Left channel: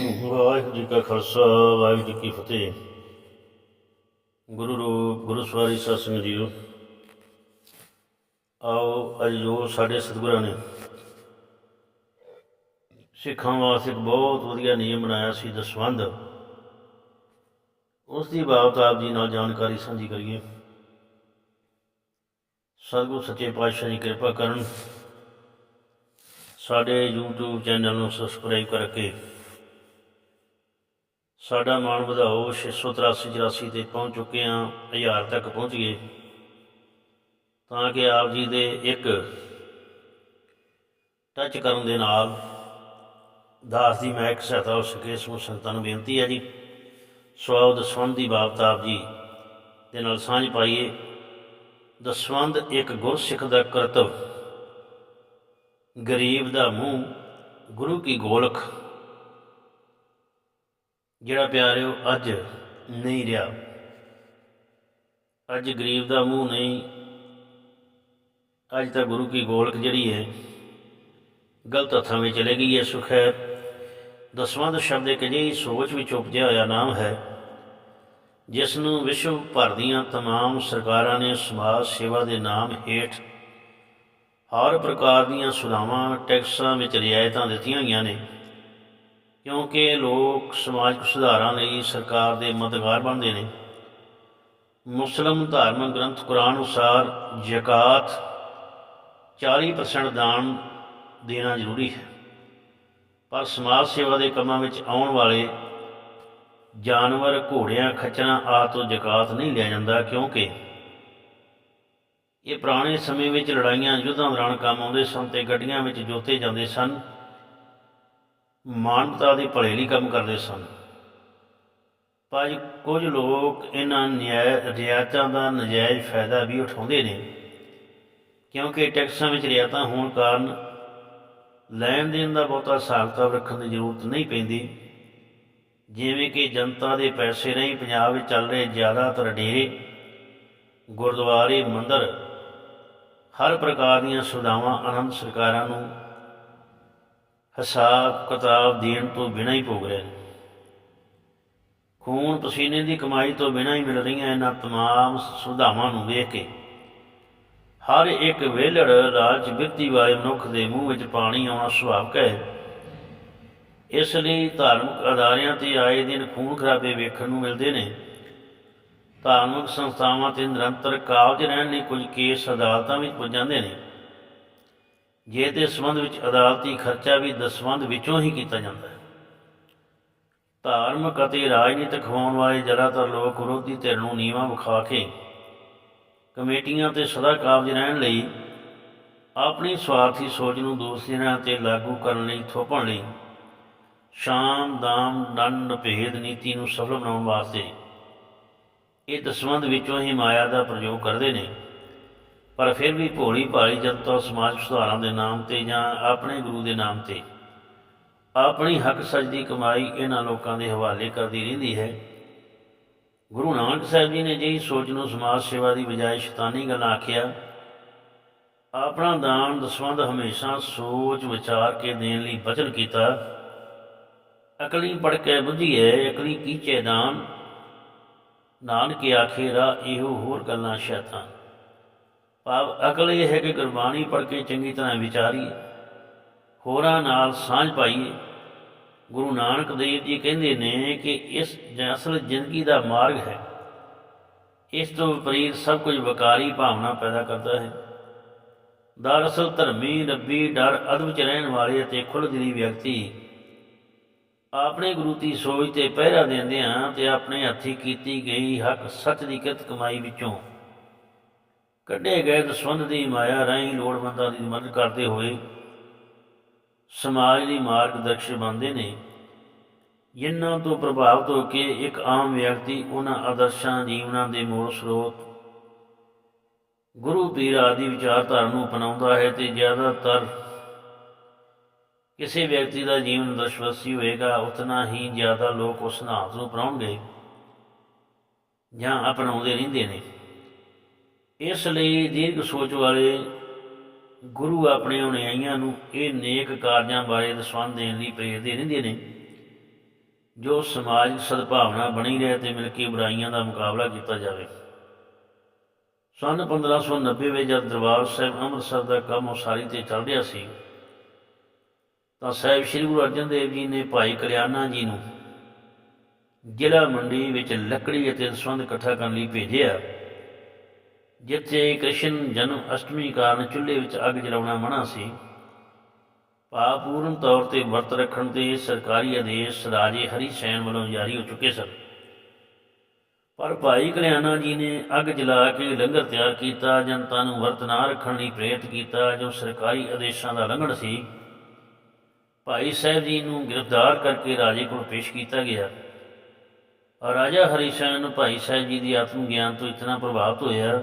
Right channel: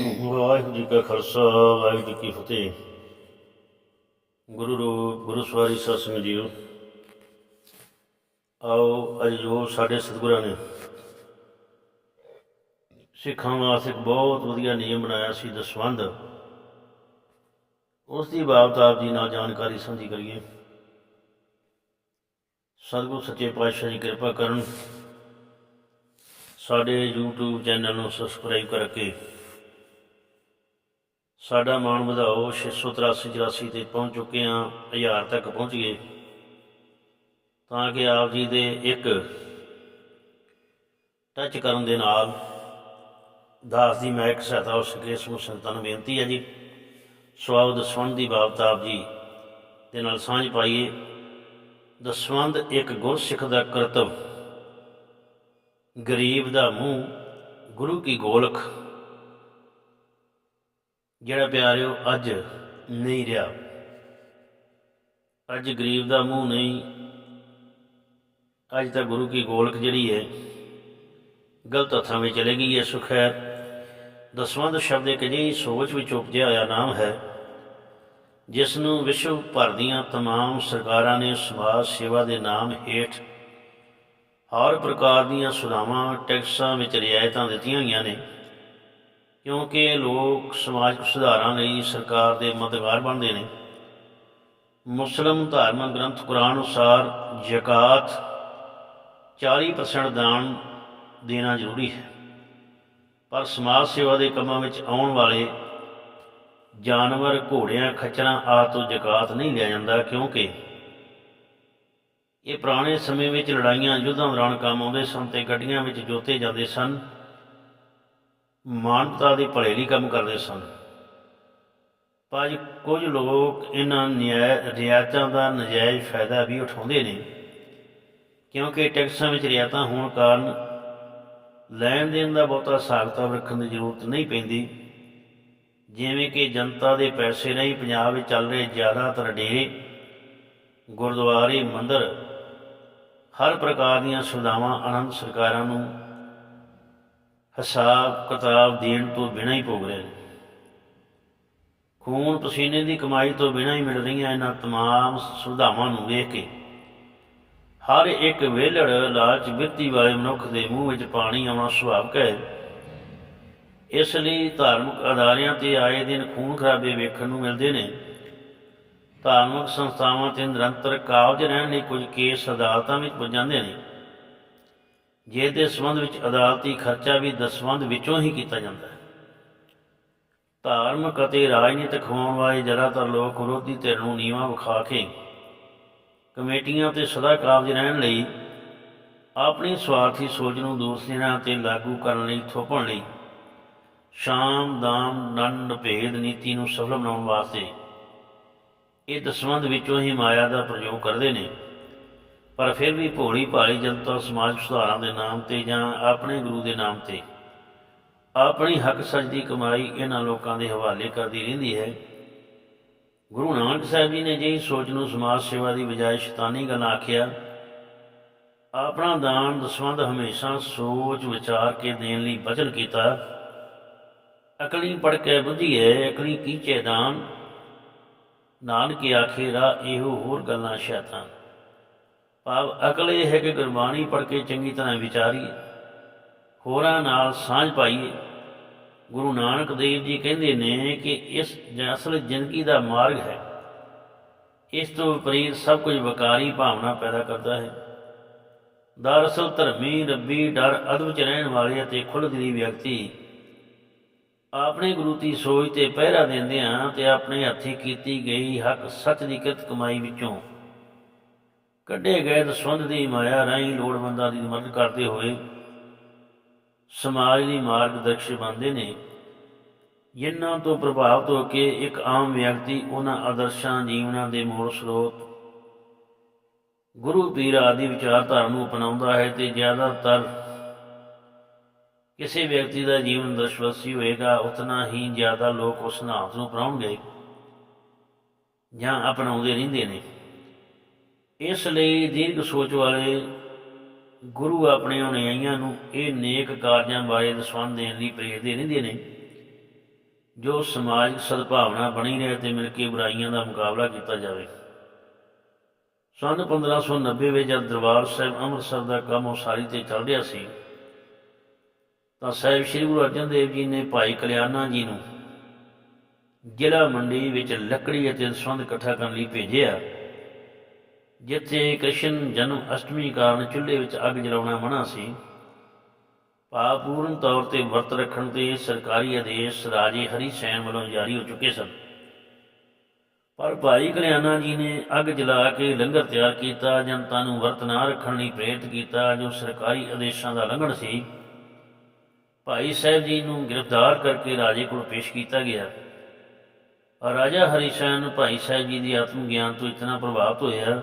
ਵਾਹਿਗੁਰੂ ਜੀ ਕਾ ਖਾਲਸਾ, ਵਾਹਿਗੁਰੂ ਜੀ ਕੀ ਫਤਿਹ। ਗੁਰੂ ਰੂਪ, ਗੁਰੂ ਸਵਾਰੀ ਸਾਧ ਸੰਗਤ ਜੀਓ। ਆਓ ਅੱਜ ਜੋ ਸਾਡੇ ਸਤਿਗੁਰਾਂ ਨੇ ਸਿੱਖਾਂ ਵਾਸਤੇ ਇੱਕ ਬਹੁਤ ਵਧੀਆ ਨਿਯਮ ਬਣਾਇਆ ਸੀ ਦਸਵੰਧ ਉਸ ਦੀ ਬਾਬਤ ਆਪ ਜੀ ਨਾਲ ਜਾਣਕਾਰੀ ਸਾਂਝੀ ਕਰੀਏ। ਸਤਿਗੁਰੂ ਸੱਚੇ ਪਾਤਸ਼ਾਹ ਜੀ ਕਿਰਪਾ ਕਰਨ ਸਾਡੇ YouTube ਚੈਨਲ ਨੂੰ ਸਬਸਕ੍ਰਾਈਬ ਕਰਕੇ ਸਾਡਾ ਮਾਣ ਵਧਾਓ 683 84 ਤੇ ਪਹੁੰਚ ਚੁੱਕੇ ਹਾਂ, ਹਜ਼ਾਰ ਤੱਕ ਪਹੁੰਚ ਗਏ। ਤਾਂ ਕਿ ਆਪ ਜੀ ਦੇ ਇੱਕ ਟੱਚ ਕਰਨ ਦੇ ਨਾਲ ਦਾਸ ਦੀ ਮਹਿਕ, ਸਹਾਇਤਾ ਹੋ ਸਕੇ ਸਮੂਹ ਸੰਤਾਂ ਨੂੰ ਬੇਨਤੀ ਹੈ ਜੀ। ਸਵਾਉ ਦਸਵੰਧ ਦੀ ਬਾਬਤ ਆਪ ਜੀ ਦੇ ਨਾਲ ਸਾਂਝ ਪਾਈਏ। ਦਸਵੰਧ ਇੱਕ ਗੁਰਸਿੱਖ ਦਾ ਕਰਤਵ, ਗਰੀਬ ਦਾ ਮੂੰਹ, ਗੁਰੂ ਕੀ ਗੋਲਖ। ਜਿਹੜਾ ਪਿਆਰਿਓ ਅੱਜ ਨਹੀਂ ਰਿਹਾ ਅੱਜ ਗਰੀਬ ਦਾ ਮੂੰਹ ਨਹੀਂ ਅੱਜ ਤਾਂ ਗੁਰੂ ਕੀ ਗੋਲਕ ਜਿਹੜੀ ਹੈ ਗਲਤ ਹੱਥਾਂ ਵਿੱਚ ਚਲੇ ਗਈ ਹੈ ਸੁਖੈਰ ਦਸਵੰਧ ਸ਼ਬਦ ਇੱਕ ਅਜਿਹੀ ਸੋਚ ਵਿੱਚ ਉਪਜਿਆ ਹੋਇਆ ਨਾਮ ਹੈ ਜਿਸ ਨੂੰ ਵਿਸ਼ਵ ਭਰ ਦੀਆਂ तमाम ਸਰਕਾਰਾਂ ਨੇ ਸਮਾਜ ਸੇਵਾ ਦੇ ਨਾਮ ਹੇਠ ਹਰ ਪ੍ਰਕਾਰ ਦੀਆਂ ਸੁਧਾਵਾਂ ਟੈਕਸਾਂ ਵਿੱਚ ਰਿਆਇਤਾਂ ਦਿੱਤੀਆਂ ਹੋਈਆਂ ਨੇ ਕਿਉਂਕਿ ਲੋਕ ਸਮਾਜਿਕ ਸੁਧਾਰਾਂ ਲਈ ਸਰਕਾਰ ਦੇ ਮਦਦਗਾਰ ਬਣਦੇ ਨੇ। ਮੁਸਲਮ ਧਾਰਮਿਕ ਗ੍ਰੰਥ ਕੁਰਾਨ ਅਨੁਸਾਰ ਜ਼ਕਾਤ 40% ਦਾਨ ਦੇਣਾ ਜ਼ਰੂਰੀ ਹੈ। ਪਰ ਸਮਾਜ ਸੇਵਾ ਦੇ ਕੰਮਾਂ ਵਿੱਚ ਆਉਣ ਵਾਲੇ ਜਾਨਵਰ, ਘੋੜਿਆਂ, ਖੱਚਰਾਂ ਆਦਿ ਤੋਂ ਜ਼ਕਾਤ ਨਹੀਂ ਲਿਆ ਜਾਂਦਾ ਕਿਉਂਕਿ ਇਹ ਪੁਰਾਣੇ ਸਮੇਂ ਵਿੱਚ ਲੜਾਈਆਂ, ਯੁੱਧਾਂ ਦੌਰਾਨ ਕੰਮ ਆਉਂਦੇ ਸਨ ਤੇ ਗੱਡੀਆਂ ਵਿੱਚ ਜੋਤੇ ਜਾਂਦੇ ਸਨ। ਮਾਨਵਤਾ ਦੇ ਭਲੇ ਲਈ ਕੰਮ ਕਰਦੇ ਸਨ। ਪਰ ਕੁਝ ਲੋਕ ਇਹਨਾਂ ਨਿਆਂ, ਰਿਆਇਤਾਂ ਦਾ ਨਜਾਇਜ਼ ਫਾਇਦਾ ਵੀ ਉਠਾਉਂਦੇ ਨੇ, ਕਿਉਂਕਿ ਟੈਕਸਾਂ ਵਿੱਚ ਰਿਆਇਤਾਂ ਹੋਣ ਕਾਰਨ ਲੈਣ ਦੇਣ ਦਾ ਬਹੁਤਾ ਹਿਸਾਬ ਕਿਤਾਬ ਰੱਖਣ ਦੀ ਜ਼ਰੂਰਤ ਨਹੀਂ ਪੈਂਦੀ। ਜਿਵੇਂ ਕਿ ਜਨਤਾ ਦੇ ਪੈਸੇ ਨਹੀਂ ਪੰਜਾਬ ਵਿੱਚ ਚੱਲ ਰਹੇ ਜ਼ਿਆਦਾਤਰ ਡੇਰੇ, ਗੁਰਦੁਆਰੇ, ਮੰਦਰ, ਹਰ ਪ੍ਰਕਾਰ ਦੀਆਂ ਸੁਵਿਧਾਵਾਂ ਆਨੰਦ ਸਰਕਾਰਾਂ ਨੂੰ ਹਿਸਾਬ ਕਿਤਾਬ ਦੇਣ ਤੋਂ ਬਿਨਾਂ ਹੀ ਭੋਗ ਰਹੇ ਨੇ ਖੂਨ ਪਸੀਨੇ ਦੀ ਕਮਾਈ ਤੋਂ ਬਿਨਾਂ ਹੀ ਮਿਲ ਰਹੀਆਂ ਇਹਨਾਂ तमाम ਸੁਵਿਧਾਵਾਂ ਨੂੰ ਵੇਖ ਕੇ ਹਰ ਇੱਕ ਵਿਹਲੜ ਲਾਲਚ ਬਿਰਤੀ ਵਾਲੇ ਮਨੁੱਖ ਦੇ ਮੂੰਹ ਵਿੱਚ ਪਾਣੀ ਆਉਣਾ ਸੁਭਾਵਿਕ ਹੈ ਇਸ ਲਈ ਧਾਰਮਿਕ ਅਦਾਰਿਆਂ ਤੇ ਆਏ ਦਿਨ ਖੂਨ ਖਰਾਬੇ ਵੇਖਣ ਨੂੰ ਮਿਲਦੇ ਨੇ ਧਾਰਮਿਕ ਸੰਸਥਾਵਾਂ ਤੇ ਨਿਰੰਤਰ ਕਾਬਜ ਰਹਿਣ ਲਈ ਕੁਝ ਕੇਸ ਅਦਾਲਤਾਂ ਵਿੱਚ ਪੁੱਜ ਜਾਂਦੇ ਨੇ ਜੇ ਦੇ ਸੰਬੰਧ ਵਿੱਚ ਅਦਾਲਤੀ ਖਰਚਾ ਵੀ ਦਸਵੰਧ ਵਿੱਚੋਂ ਹੀ ਕੀਤਾ ਜਾਂਦਾ ਹੈ। ਧਾਰਮਿਕ ਅਤੇ ਰਾਜਨੀਤਿਕ ਹੋਣ ਵਾਲੇ ਜ਼ਿਆਦਾਤਰ ਲੋਕ ਵਿਰੋਧੀ ਧਿਰ ਨੂੰ ਨੀਵਾ ਵਿਖਾ ਕੇ ਕਮੇਟੀਆਂ ਤੇ ਸਦਾ ਕਾਬਜ ਰਹਿਣ ਲਈ ਆਪਣੀ ਸਵਾਰਥੀ ਸੋਚ ਨੂੰ ਦੂਸਰਿਆਂ ਤੇ ਲਾਗੂ ਕਰਨ ਲਈ ਥੋਪਣ ਲਈ ਸ਼ਾਮ, ਦਾਮ ਦੰਡ ਭੇਦ ਨੀਤੀ ਨੂੰ ਸਫਲ ਬਣਾਉਣ ਵਾਸਤੇ ਇਹ ਦਸਵੰਧ ਵਿੱਚੋਂ ਹੀ ਮਾਇਆ ਦਾ ਪ੍ਰਯੋਗ ਕਰਦੇ ਨੇ। ਪਰ ਫਿਰ ਵੀ ਭੋਲੀ ਭਾਲੀ ਜਨਤਾ ਸਮਾਜ ਸੁਧਾਰਾਂ ਦੇ ਨਾਮ ਤੇ ਜਾਂ ਆਪਣੇ ਗੁਰੂ ਦੇ ਨਾਮ ਤੇ ਆਪਣੀ ਹੱਕ ਸੱਚ ਦੀ ਕਮਾਈ ਇਹਨਾਂ ਲੋਕਾਂ ਦੇ ਹਵਾਲੇ ਕਰਦੀ ਰਹਿੰਦੀ ਹੈ। ਗੁਰੂ ਨਾਨਕ ਸਾਹਿਬ ਜੀ ਨੇ ਜਿਹੀ ਸੋਚ ਨੂੰ ਸਮਾਜ ਸੇਵਾ ਦੀ ਬਜਾਏ ਸ਼ੈਤਾਨੀ ਗੱਲਾਂ ਆਖਿਆ, ਆਪਣਾ ਦਾਨ ਦਸਵੰਧ ਹਮੇਸ਼ਾ ਸੋਚ ਵਿਚਾਰ ਕੇ ਦੇਣ ਲਈ ਬਚਨ ਕੀਤਾ। ਅਕਲੀ ਪੜ ਕੇ ਬੁੱਝੀਏ ਅਕਲੀ ਕੀਚੇ ਦਾਨ। ਨਾਨਕ ਆਖੇ ਰਾ ਇਹੋ ਹੋਰ ਗੱਲਾਂ ਸ਼ੈਤਾਨ। ਭਾਵ ਅਕਲ ਇਹ ਹੈ ਕਿ ਗੁਰਬਾਣੀ ਪੜ੍ਹ ਕੇ ਚੰਗੀ ਤਰ੍ਹਾਂ ਵਿਚਾਰੀਏ, ਹੋਰਾਂ ਨਾਲ ਸਾਂਝ ਪਾਈਏ। ਗੁਰੂ ਨਾਨਕ ਦੇਵ ਜੀ ਕਹਿੰਦੇ ਨੇ ਕਿ ਇਸ ਜ- ਅਸਲ ਜ਼ਿੰਦਗੀ ਦਾ ਮਾਰਗ ਹੈ। ਇਸ ਤੋਂ ਵਿਪਰੀਤ ਸਭ ਕੁਝ ਵਿਕਾਰੀ ਭਾਵਨਾ ਪੈਦਾ ਕਰਦਾ ਹੈ। ਦਰਅਸਲ ਧਰਮੀ, ਰੱਬੀ, ਡਰ, ਅਦਬ ਚ ਰਹਿਣ ਵਾਲੇ ਅਤੇ ਖੁੱਲ੍ਹਦਿਲੀ ਵਿਅਕਤੀ ਆਪਣੇ ਗੁਰੂ ਦੀ ਸੋਚ ਤੇ ਪਹਿਰਾ ਦਿੰਦਿਆਂ ਤੇ ਆਪਣੇ ਹੱਥੀ ਕੀਤੀ ਗਈ ਹੱਕ ਸੱਚ ਦੀ ਕਿਰਤ ਕਮਾਈ ਵਿੱਚੋਂ ਕੱਢੇ ਗਏ ਦਸਵੰਧ ਦੀ ਮਾਇਆ ਰਾਹੀਂ ਲੋੜਵੰਦਾਂ ਦੀ ਮਦਦ ਕਰਦੇ ਹੋਏ ਸਮਾਜ ਦੀ ਮਾਰਗਦਰਸ਼ਕ ਬਣਦੇ ਨੇ। ਜਿਨ੍ਹਾਂ ਤੋਂ ਪ੍ਰਭਾਵਿਤ ਹੋ ਕੇ ਇੱਕ ਆਮ ਵਿਅਕਤੀ ਉਹਨਾਂ ਆਦਰਸ਼ਾਂ, ਜੀਵਨਾਂ ਦੇ ਮੂਲ ਸਰੋਤ ਗੁਰੂ ਪੀਰ ਆਦਿ ਵਿਚਾਰਧਾਰਾ ਨੂੰ ਅਪਣਾਉਂਦਾ ਹੈ ਤੇ ਜ਼ਿਆਦਾਤਰ ਕਿਸੇ ਵਿਅਕਤੀ ਦਾ ਜੀਵਨ ਦਰਸ਼ਵਸੀ ਹੋਏਗਾ, ਉਤਨਾ ਹੀ ਜ਼ਿਆਦਾ ਲੋਕ ਉਸ ਸਿਧਾਂਤ ਨੂੰ ਅਪਣਾਉਣਗੇ ਜਾਂ ਅਪਣਾਉਂਦੇ ਰਹਿੰਦੇ ਨੇ। ਇਸ ਲਈ ਦੀਰਘ ਸੋਚ ਵਾਲੇ ਗੁਰੂ ਆਪਣੇ ਅਨੁਯਾਈਆਂ ਨੂੰ ਇਹ ਨੇਕ ਕਾਰਜਾਂ ਬਾਰੇ ਦਸਵੰਧ ਦੇਣ ਲਈ ਪ੍ਰੇਰਦੇ ਰਹਿੰਦੇ ਨੇ, ਜੋ ਸਮਾਜਿਕ ਸਦਭਾਵਨਾ ਬਣੀ ਰਹੇ ਤੇ ਮਿਲ ਕੇ ਬੁਰਾਈਆਂ ਦਾ ਮੁਕਾਬਲਾ ਕੀਤਾ ਜਾਵੇ। ਸੰਨ 1590 ਵਿੱਚ ਜਦ ਦਰਬਾਰ ਸਾਹਿਬ ਅੰਮ੍ਰਿਤਸਰ ਦਾ ਕੰਮ ਉਸਾਰੀ ਤੇ ਚੱਲ ਰਿਹਾ ਸੀ, ਤਾਂ ਸਾਹਿਬ ਸ੍ਰੀ ਗੁਰੂ ਅਰਜਨ ਦੇਵ ਜੀ ਨੇ ਭਾਈ ਕਲਿਆਣਾ ਜੀ ਨੂੰ ਜ਼ਿਲ੍ਹਾ ਮੰਡੀ ਵਿੱਚ ਲੱਕੜੀ ਅਤੇ ਸੰਦ ਇਕੱਠਾ ਕਰਨ ਲਈ ਭੇਜਿਆ। ਜਿੱਥੇ ਕ੍ਰਿਸ਼ਨ ਜਨਮ ਅਸ਼ਟਮੀ ਕਾਰਨ ਚੁੱਲ੍ਹੇ ਵਿੱਚ ਅੱਗ ਜਲਾਉਣਾ ਮਨਾ ਸੀ, ਭਾਵਪੂਰਨ ਤੌਰ ਤੇ ਵਰਤ ਰੱਖਣ ਤੇ ਸਰਕਾਰੀ ਆਦੇਸ਼ ਰਾਜੇ ਹਰੀ ਸੈਨ ਵੱਲੋਂ ਜਾਰੀ ਹੋ ਚੁੱਕੇ ਸਨ। ਪਰ ਭਾਈ ਕਲਿਆਣਾ ਜੀ ਨੇ ਅੱਗ ਜਲਾ ਕੇ ਲੰਗਰ ਤਿਆਰ ਕੀਤਾ, ਜਨਤਾ ਨੂੰ ਵਰਤ ਨਾ ਰੱਖਣ ਲਈ ਪ੍ਰੇਰਿਤ ਕੀਤਾ, ਜੋ ਸਰਕਾਰੀ ਆਦੇਸ਼ਾਂ ਦਾ ਲੰਘਣ ਸੀ। ਭਾਈ ਸਾਹਿਬ ਜੀ ਨੂੰ ਗ੍ਰਿਫਤਾਰ ਕਰਕੇ ਰਾਜੇ ਕੋਲ ਪੇਸ਼ ਕੀਤਾ ਗਿਆ। ਔਰ ਰਾਜਾ ਹਰੀਸ਼ਨ ਭਾਈ ਸਾਹਿਬ ਜੀ ਦੀ ਆਤਮ ਗਿਆਨ ਤੋਂ ਇਤਨਾ ਪ੍ਰਭਾਵਿਤ ਹੋਇਆ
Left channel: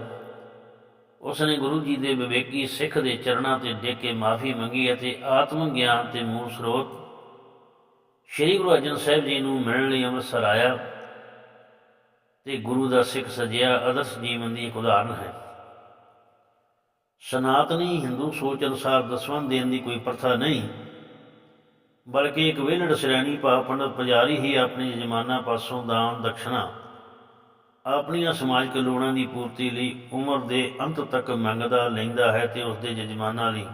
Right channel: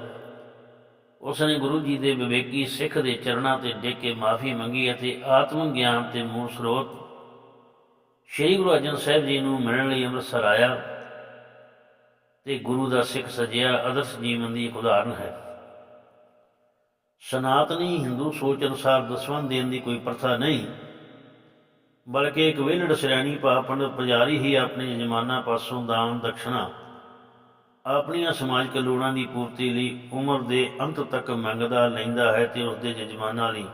ਉਸ ਨੇ ਗੁਰੂ ਜੀ ਦੇ ਵਿਵੇਕੀ ਸਿੱਖ ਦੇ ਚਰਨਾਂ ਤੇ ਡਿੱਗ ਕੇ ਮਾਫੀ ਮੰਗੀ ਅਤੇ ਆਤਮ ਗਿਆਨ ਤੇ ਮੂਲ ਸਰੋਤ ਸ੍ਰੀ ਗੁਰੂ ਅਰਜਨ ਸਾਹਿਬ ਜੀ ਨੂੰ ਮਿਲਣ ਲਈ ਅੰਮ੍ਰਿਤਸਰ ਆਇਆ ਤੇ ਗੁਰੂ ਦਾ ਸਿੱਖ ਸਜਿਆ ਆਦਰਸ਼ ਜੀਵਨ ਦੀ ਇੱਕ ਉਦਾਹਰਨ ਹੈ। ਸਨਾਤਨੀ ਹਿੰਦੂ ਸੋਚ ਅਨੁਸਾਰ ਦਸਵੰਧ ਦੇਣ ਦੀ ਕੋਈ ਪ੍ਰਥਾ ਨਹੀਂ, ਬਲਕਿ ਇੱਕ ਵਿਹਲੜ ਸ਼੍ਰੇਣੀ ਭਾ ਪੰਡਤ ਪੁਜਾਰੀ ਹੀ ਆਪਣੇ ਜਮਾਨਾ ਪਾਸੋਂ ਦਾਨ ਦਕਸ਼ਨਾ ਆਪਣੀਆਂ ਸਮਾਜਿਕ ਲੋੜਾਂ ਦੀ ਪੂਰਤੀ ਲਈ ਉਮਰ ਦੇ ਅੰਤ ਤੱਕ ਮੰਗਦਾ ਲੈਂਦਾ ਹੈ ਤੇ ਉਸ ਦੇ ਜਜਮਾਨਾਂ ਲਈ।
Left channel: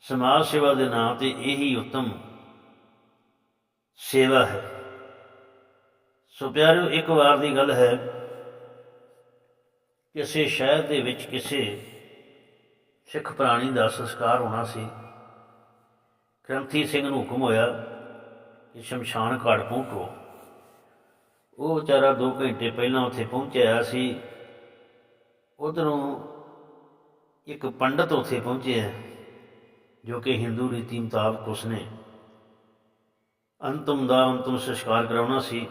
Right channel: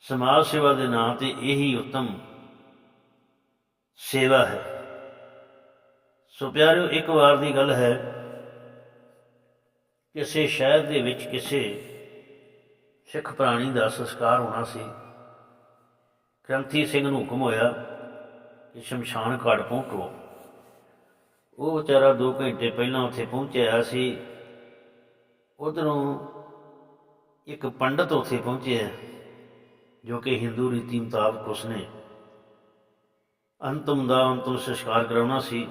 ਸਮਾਜ ਸੇਵਾ ਦੇ ਨਾਂ ਤੇ ਇਹੀ ਉੱਤਮ ਸੇਵਾ ਹੈ। ਸੋ ਪਿਆਰਿਓ, ਇੱਕ ਵਾਰ ਦੀ ਗੱਲ ਹੈ ਕਿਸੇ ਸ਼ਹਿਰ ਦੇ ਵਿੱਚ ਕਿਸੇ ਸਿੱਖ ਪ੍ਰਾਣੀ ਦਾ ਸੰਸਕਾਰ ਹੋਣਾ ਸੀ। ਗ੍ਰੰਥੀ ਸਿੰਘ ਨੂੰ ਹੁਕਮ ਹੋਇਆ ਕਿ ਸ਼ਮਸ਼ਾਨ ਘਾਟ ਪਹੁੰਚੋ। ਉਹ ਵਿਚਾਰਾ 2 ਘੰਟੇ ਪਹਿਲਾਂ ਉੱਥੇ ਪਹੁੰਚਿਆ ਸੀ। ਉਧਰੋਂ ਇੱਕ ਪੰਡਤ ਉੱਥੇ ਪਹੁੰਚਿਆ ਜੋ ਕਿ ਹਿੰਦੂ ਰੀਤੀ ਮੁਤਾਬਕ ਉਸਨੇ ਅੰਤਮ ਦਾ ਅੰਤਮ ਸੰਸਕਾਰ ਕਰਾਉਣਾ ਸੀ।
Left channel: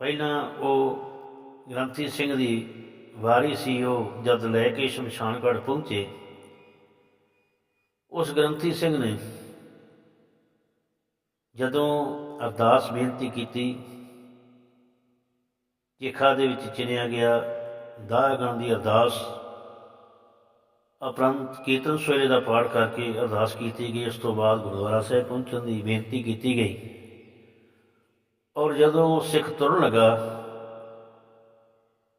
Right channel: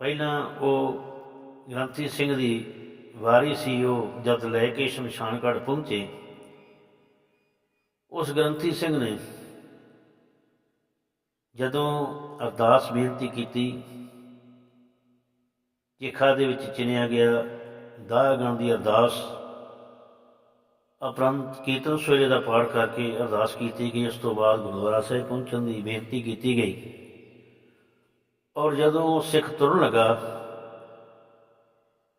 ਪਹਿਲਾਂ ਉਹ ਗ੍ਰੰਥੀ ਸਿੰਘ ਦੀ ਵਾਰੀ ਸੀ, ਉਹ ਜਦ ਲੈ ਕੇ ਸ਼ਮਸ਼ਾਨਗੜ ਪਹੁੰਚੇ। ਉਸ ਗ੍ਰੰਥੀ ਸਿੰਘ ਨੇ ਜਦੋਂ ਅਰਦਾਸ ਬੇਨਤੀ ਕੀਤੀ ਚਿਖਾ ਦੇ ਵਿੱਚ ਚਿਣਿਆ ਗਿਆ ਦਾਗਣ ਦੀ ਅਰਦਾਸ, ਅਪਰੰਤ ਕੀਰਤਨ ਸਵੇਲੇ ਦਾ ਪਾਠ ਕਰਕੇ ਅਰਦਾਸ ਕੀਤੀ ਗਈ। ਉਸ ਤੋਂ ਬਾਅਦ ਗੁਰਦੁਆਰਾ ਸਾਹਿਬ ਪਹੁੰਚਣ ਦੀ ਬੇਨਤੀ ਕੀਤੀ ਗਈ। ਔਰ ਜਦੋਂ ਸਿੱਖ ਤੁਰਨ ਲੱਗਾ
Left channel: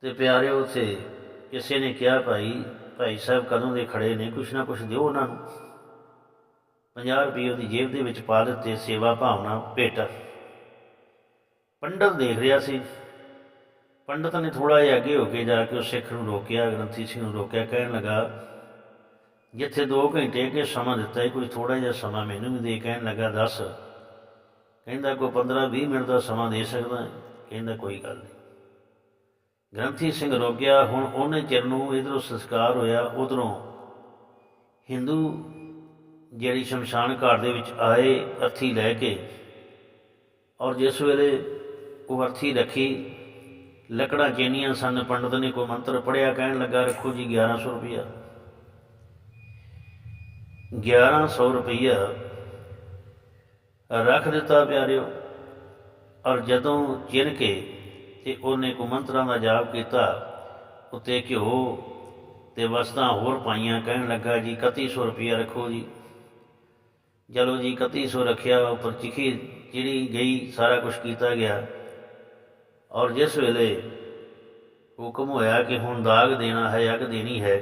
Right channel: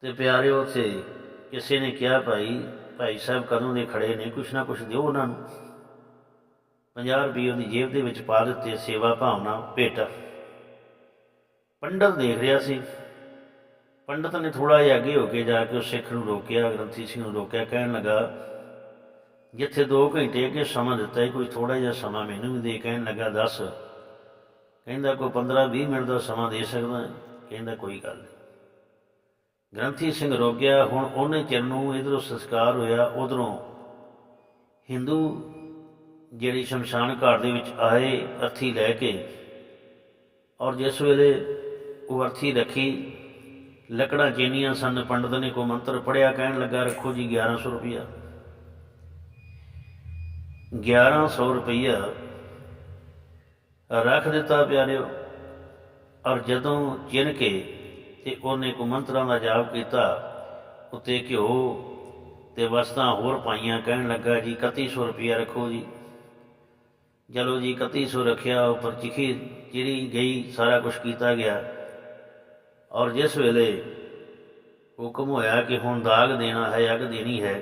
ਤੇ ਪਿਆਰਿਓ, ਉੱਥੇ ਕਿਸੇ ਨੇ ਕਿਹਾ, ਭਾਈ ਭਾਈ ਸਾਹਿਬ ਕਦੋਂ ਦੇ ਖੜੇ ਨੇ? ਕੁਛ ਨਾ ਕੁਛ ਦਿਓ ਉਹਨਾਂ ਨੂੰ। 50 ਰੁਪਏ ਉਹਦੀ ਜੇਬ ਦੇ ਵਿੱਚ ਪਾ ਦਿੱਤੇ, ਸੇਵਾ ਭਾਵਨਾ ਭੇਟਾ। ਪੰਡਤ ਦੇਖ ਰਿਹਾ ਸੀ। ਪੰਡਤ ਨੇ ਥੋੜਾ ਜਿਹਾ ਅੱਗੇ ਹੋ ਕੇ ਜਾ ਕੇ ਉਹ ਸਿੱਖ ਨੂੰ ਰੋਕਿਆ, ਗ੍ਰੰਥੀ ਸਿੰਘ ਨੂੰ ਰੋਕਿਆ, ਕਹਿਣ ਲੱਗਾ, ਜਿੱਥੇ 2 ਘੰਟੇ ਅੱਗੇ ਸਮਾਂ ਦਿੱਤਾ ਹੈ ਕੋਈ ਥੋੜਾ ਜਿਹਾ ਸਮਾਂ ਮੈਨੂੰ ਵੀ ਦੇ। ਕਹਿਣ ਲੱਗਾ, ਦੱਸ। ਕਹਿੰਦਾ, ਕੋਈ 15 20 ਮਿੰਟ ਦਾ ਸਮਾਂ ਦੇ ਸਕਦਾ ਹੈ? ਕਹਿੰਦਾ, ਕੋਈ ਗੱਲ ਨਹੀਂ। ਗ੍ਰੰਥੀ ਸਿੰਘ ਰੁਕ ਗਿਆ ਹੁਣ ਉਹਨੇ ਚਿਰ ਨੂੰ ਇਧਰੋਂ ਸੰਸਕਾਰ ਹੋਇਆ, ਉਧਰੋਂ ਹਿੰਦੂ ਜਿਹੜੀ ਸ਼ਮਸ਼ਾਨ ਘਾਟ ਦੇ ਵਿੱਚ ਆਏ ਅਰਥੀ ਲੈ ਕੇ ਔਰ ਜਿਸ ਵੇਲੇ ਉਹ ਅਰਥੀ ਰੱਖੀ ਲੱਕੜਾਂ ਚੇਨੀਆਂ ਸਨ, ਪੰਡਤ ਨੇ ਕੋਈ ਮੰਤਰ ਪੜਿਆ ਕਹਿਣ ਲੱਗਾ, ਰੱਖੋ ਜੀ 1100 ਰੁਪਇਆ 1100 ਰੁਪਇਆ ਰੱਖ ਦਿੱਤਾ ਪਿਆਰਿਓ, ਔਰ ਜਦੋਂ ਚਿਨ ਕੇ ਤੇ ਉਹਨੇ ਕੋ ਮੰਤਰਾਂ ਦਾ ਜਾਪ ਕੀਤਾ, ਉੱਤੇ ਘਿਓ ਤੇ ਵਸਤਾਂ ਹੋਰ ਪਾਈਆਂ, ਕਹਿਣ ਲੱਗਾ, ਜੀ 3100 ਰੁਪਇਆ ਰੱਖੋ ਜੀ। ਚਲੋ ਜੀ 3100 ਰੱਖਿਆ, ਉੱਪਰ ਚਿਖੀ ਜਿਹੜੀ ਗਈ, ਸਾਰਾ ਕੁਝ ਕੀਤਾ ਗਿਆ। ਔਰ ਜਿਸ ਵੇਲੇ ਹੁਕਮ ਹੋਇਆ ਕਿ ਹੁਣ ਦਾਗ ਦੇਣਾ ਹੈ, ਅੱਗ ਦੇਣੀ ਹੈ,